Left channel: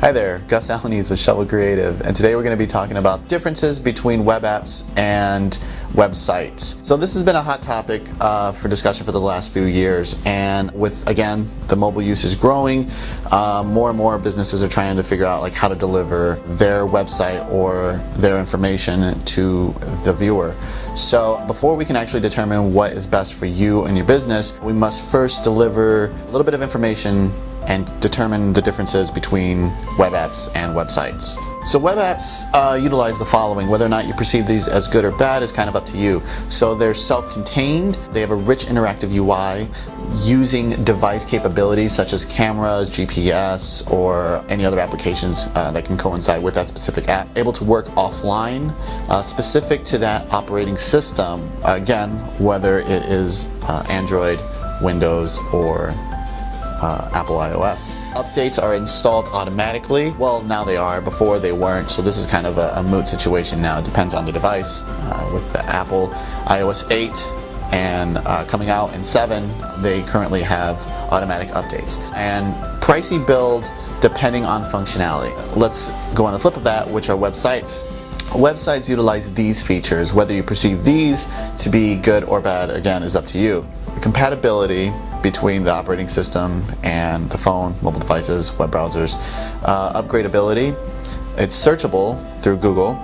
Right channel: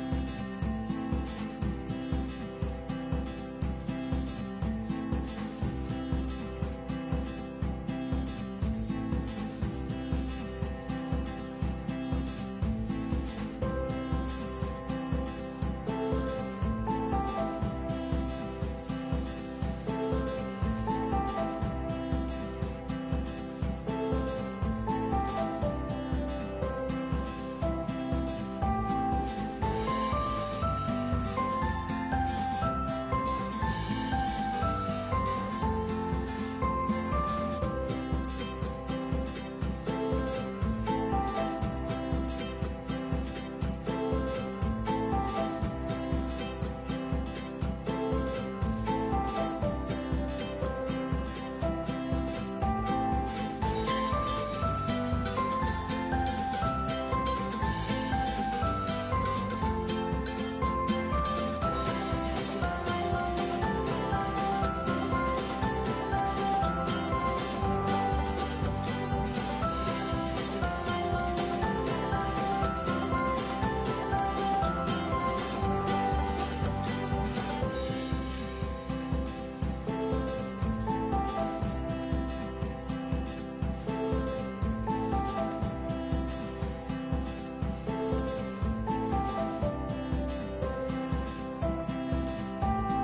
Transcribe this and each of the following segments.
Hi there, Gus Alaniz with Shovel Creative, and today we're going to be talking about differences between web apps and websites. So this has been a hot topic for discussion for the last few years, and with, again, the mobile usage growing, more and more businesses are trying to figure out how to deliver their website or their information to the viewer. So before we can actually determine what is best for you and your business, we must first deliver a little bit of information and determine the differences between web apps and websites. So web apps utilize the following. Whether or not you perceive these as good or bad is kind of up to you. So they're self-contained, they have a rich interactive UI using device capabilities such as cameras, GPS, or any other applications that can coincide with that specific app. Able to work offline, specific to that operating system, again, whether it is Android, Windows, or Apple iOS. Updates are installed automatically. Well, now they are. Before they weren't, so this is kind of a moot situation now. It depends on the device. With the Apple iOS 8 and coming out in 7, they currently have automatic updates. And pricey build depending on functionality. Let's go on the flip of that, which are websites. Websites utilize these features. Whether you perceive these to be good or bad, again, is up to you. Compatibility between the operating system and the phone, mobile devices, web browsers. Upgradability, it's searchable through Google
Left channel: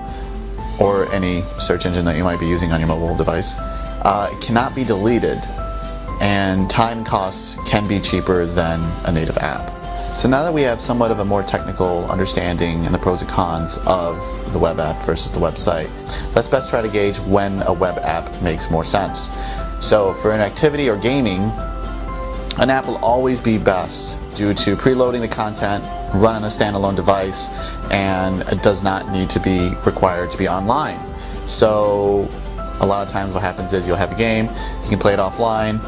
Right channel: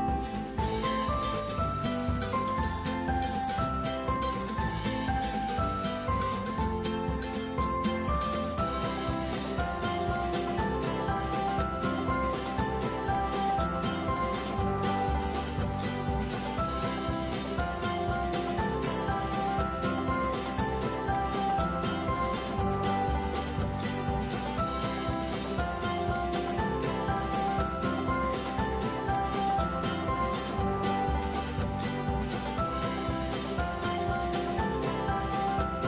or any search engine that you might be using on your mobile device. It cannot be deleted, and time costs can be cheaper than a native app. So now that we have somewhat of a more technical understanding and the pros and cons of the web app versus the website, let's best try to gauge when a web app makes more sense. So for an activity or gaming, an app will always be best due to preloading the content, run on a standalone device, and it does not need to be required to be online. So a lot of times what happens is you'll have a game, you can play it offline,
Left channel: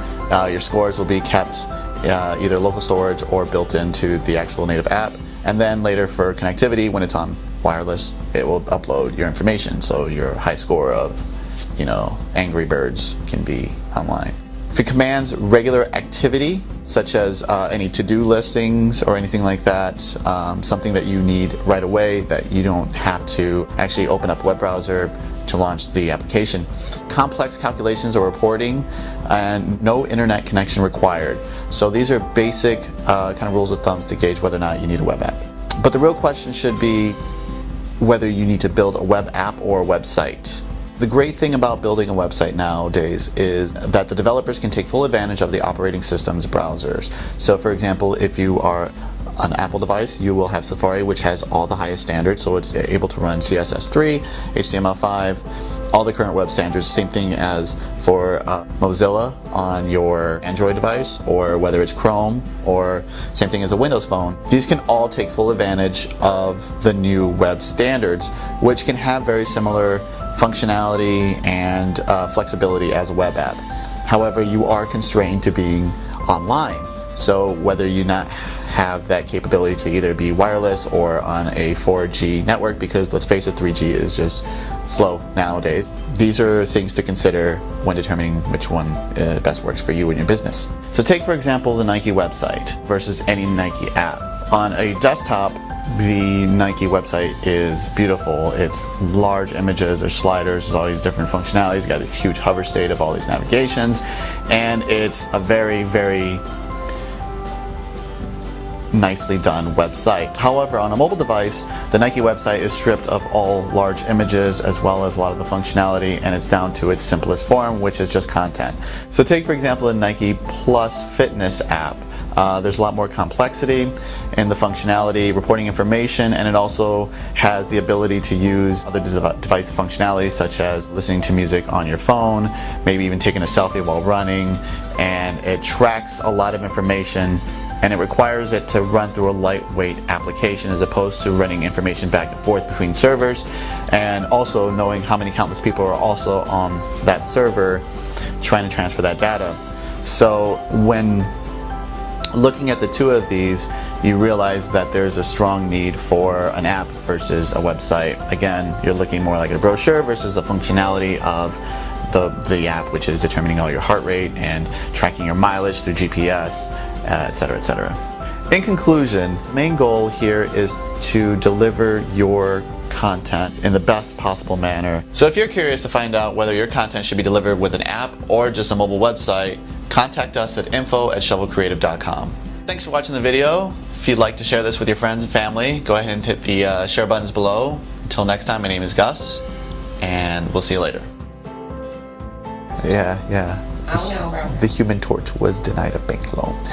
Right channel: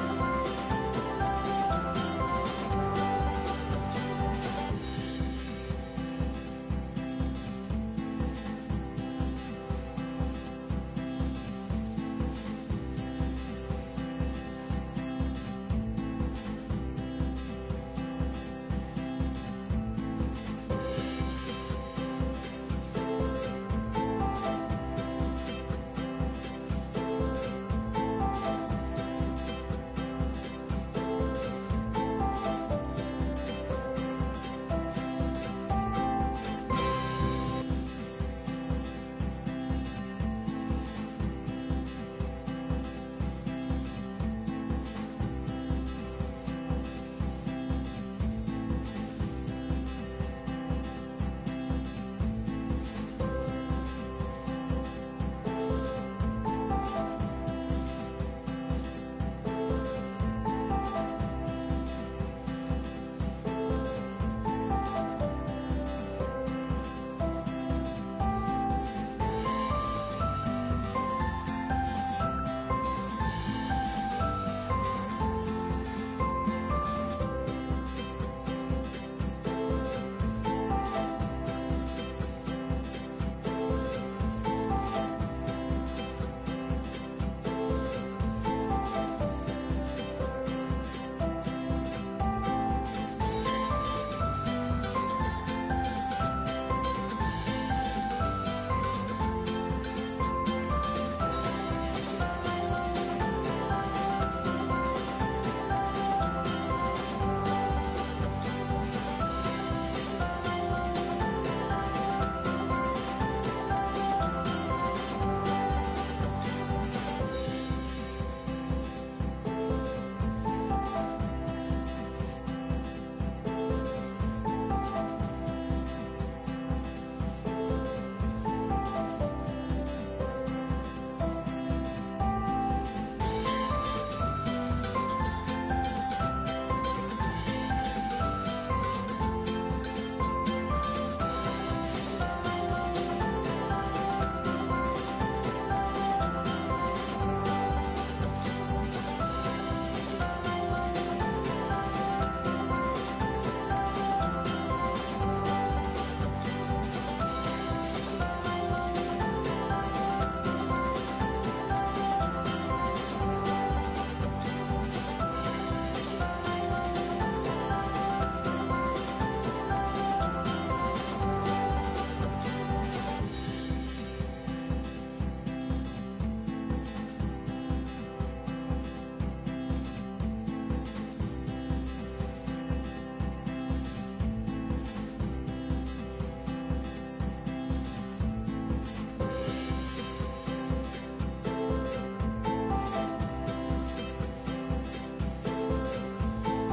your scores will be kept either local storage or built into the actual native app, and then later for connectivity, when it's on wireless, it will upload your information, so your high score of Angry Birds can be online. If it commands regular activity, such as any to-do listings or anything like that, something that you need right away that you don't have to actually open up a web browser to launch the application. Complex calculations or reporting, and no internet connection required. So these are basic kind of rules of thumbs to gauge whether or not you need a web app. But the real question should be whether you need to build a web app or a website. The great thing about building a website nowadays is that the developers can take full advantage of the operating system's browsers. So for example, if you are an Apple device, you will have Safari, which has all the highest standards, so it's able to run CSS3, HTML5, all the current web standards. Same thing as for Mozilla on your Android device, or whether it's Chrome, or same thing as a Windows phone. These can all take full advantage of the new web standards, which can have very similar functionality and flexibility as a web app. However, you are constrained to being online. So whether you not have that capability to either be wireless or on a 4G network, because let's face it, 3G is just slow nowadays. These are things to consider when determining which one best works for you and your business. So take for example the Nike website versus any Nike app. On a desktop, the Nike website is beautiful. It's large images, there's sliders, there's all these different functionalities, got this huge hover state of all these navigations, and it's a very, very nicely done website. However, on a mobile device, the Nike website is stripped of all large images as well as a lot of the functionality, and it's down to its simplest form, which is just content. So take for example a Nike Plus Fitness app. There's a lot more complexity in the functionality, reporting information, and it also has the ability to use other device functionalities such as listening to music on your phone, maybe even taking a selfie while running, and it tracks a lot of information, and it requires it to run through a lightweight application as opposed to running information back and forth between servers, and also knowing how many countless people are also on that server trying to transfer that data. So when looking at the two of these, you realize that there's a strong need for an app versus a website. Again, you're looking more like a brochure versus the functionality of the app, which is determining all your heart rate and tracking your mileage through GPS, etc., etc. In conclusion, the main goal here is to deliver your content in the best possible manner. So if you're curious to find out whether your content should be delivered with an app or just a mobile website, contact us at info@shovelcreative.com. Thanks for watching the video. If you'd like to share this with your friends and family, go ahead and hit the share buttons below. Until next time, my name is Gus, and we'll see you later. Yeah. I don't know, bro. The Human Torch was denied a bank loan.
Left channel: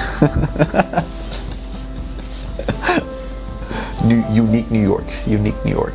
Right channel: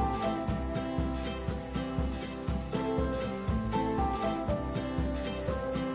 Unique New York.